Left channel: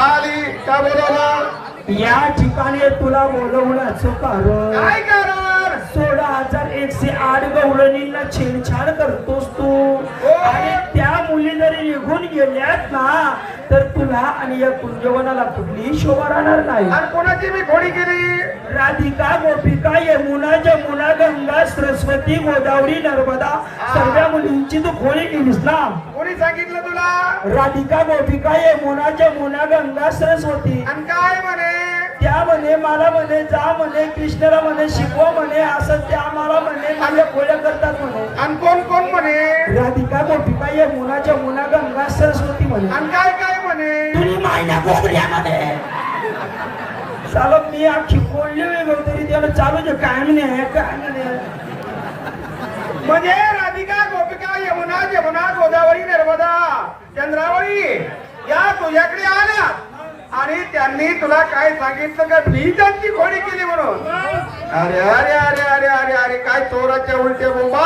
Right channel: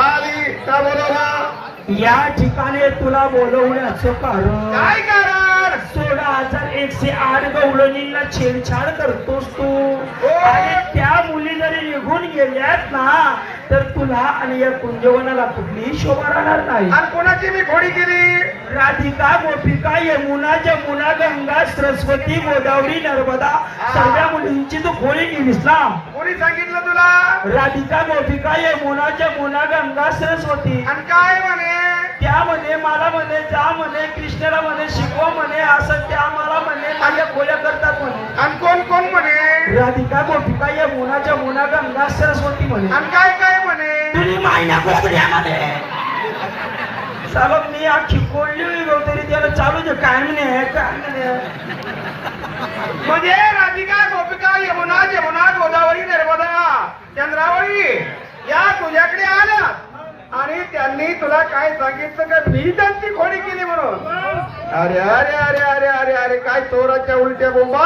आली का बोलवला या ठिकाणी तुला बोलवण्याचं कारण. काय कारण? सोळा हजार एकशे आठ गवळणींना छेडछाड करतोस तू. हो. आणि त्या निघून गेल्यात ना तर तुला आणि या कुंजवनाला कुठलीही शोभा राहणार नाही. आणि कोणाची मी खोडी केली? राधिका गोपिका यमुना जमुना गंगा सरस्वती गोदावरी नर्मदा सर्व मुलींची तू खोळी केलीस ना? कोणी सांगितलं तुला? राधिका गोपिका यमुना जमुना गंगा सरस्वती. आणि काय म्हणे? त्या म्हणे मला म्हणे जा म्हणे कृष्णाला म्हणे शिकवा म्हणे असं त्या मला म्हणे माझ्या खोल्या करतात म्हणे आणि कोण कोण म्हणे राधिका गोपिका यमुना जमुना गंगा सरस्वती म्हणे. आणि काय काय म्हणे? तुम्ही मायना कोकड्यामध्ये चालत मी अख्खी कोळली वेगळं तरी त्याला चालू दे. काय म्हणे काय म्हणे? म्हणजे राधिका गोपिका यमुना यमुना गोदावरी नर्मदा चंद्रावळी या तुझ्याकडे आल्या. आणि त्यांनी तुला काय सांगितलं का? मी त्यांची खोडी केली म्हणून. अरे अरे अरे अरे अरे अरे काय चोराच्या उलटे बोंबा?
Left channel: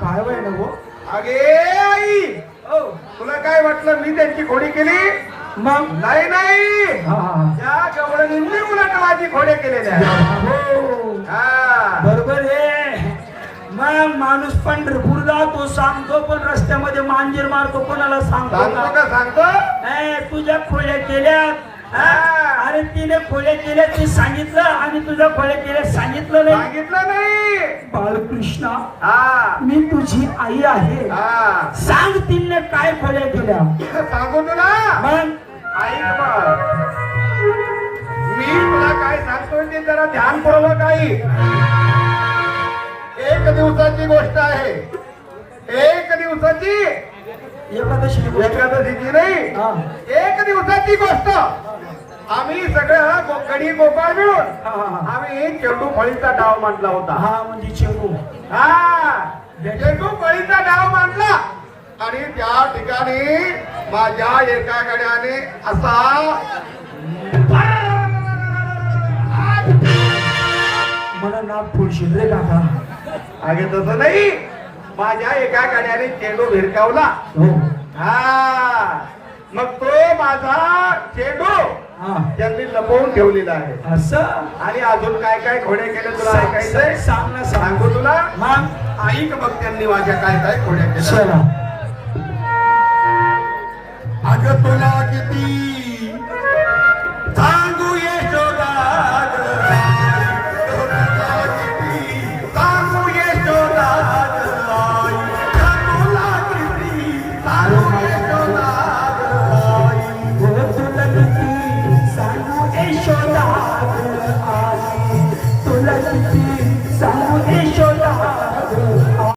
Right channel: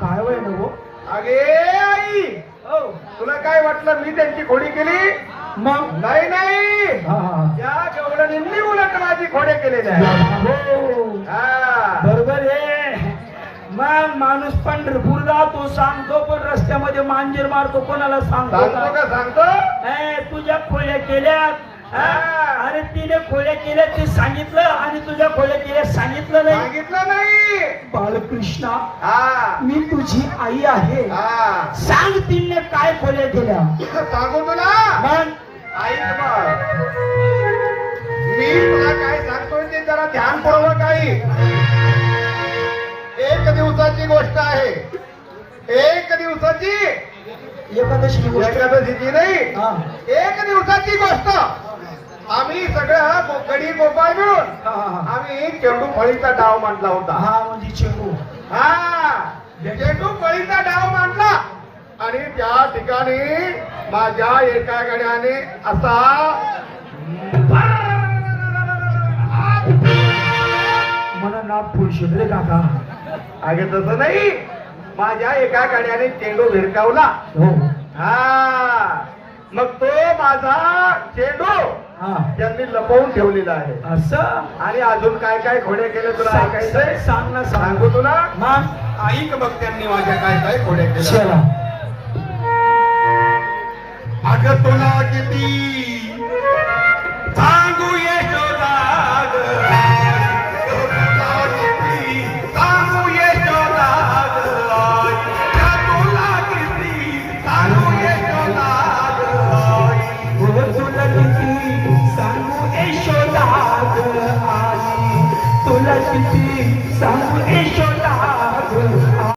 काय होईल हो अगे आई हो तुला काय वाटलं मी त्यांची खोडी केली मग नाही नाही हा, हा. त्या गवळणींनी मुलांना माझी खोडे केलेल्या आहेत हो. हा. बरोबर आहे मग माणूस पंढरपूर जातो सांगतो पण रस्त्यामध्ये मांजर मारतो कोणाला सांगतो सांगतो का? सांगतो तुझ्या खोल्या केल्यात हा? अरे तिने खोल्या केल्या ते सांगितलं आणि तुझ्या खोल्या केल्या सांगितलं नाही. सांगितलं नाही. बालकृष्णा हा. मी तुझी आई आहे. हा. सांग तिने काय खोल्या केल्या. सांगू तुला? मग? ऐक बघ मी तुला काय सांगतोय ते जरा ध्यानपूर्वक ऐक एक दिवसाची गोष्ट आहे. एक दिवसाची एकादशी एकादशीची नाही. एक दिवसाची गोष्ट. आम्ही सगळं गो- गडी गोपाळ मिळून. आम्ही चेंडू फळीचा डाव मांडला होता. हा म्हणजे चेंडू. हा. चेंडू फळीचा डाव मांडला. आणि त्या ठिकाणी माझ्या एका गड्याने असा मला ना फुलशेत रे काका अगे तसं नाही. माझ्या एका गड्याने चेंडू भिरकावला. हो. हा. मग तो माझा चेंडू हा. त्यांनी लपवून ठेवलेला आहे. असं? आणि अजून काय काय खोडे केले तुला ऐकायचंय सांग ना सांग. तुला? मग. ऐक बघ त्यांनी माझ्या काय काय खोड्या केल्या अगं तुला किती किती सांगू यशोदा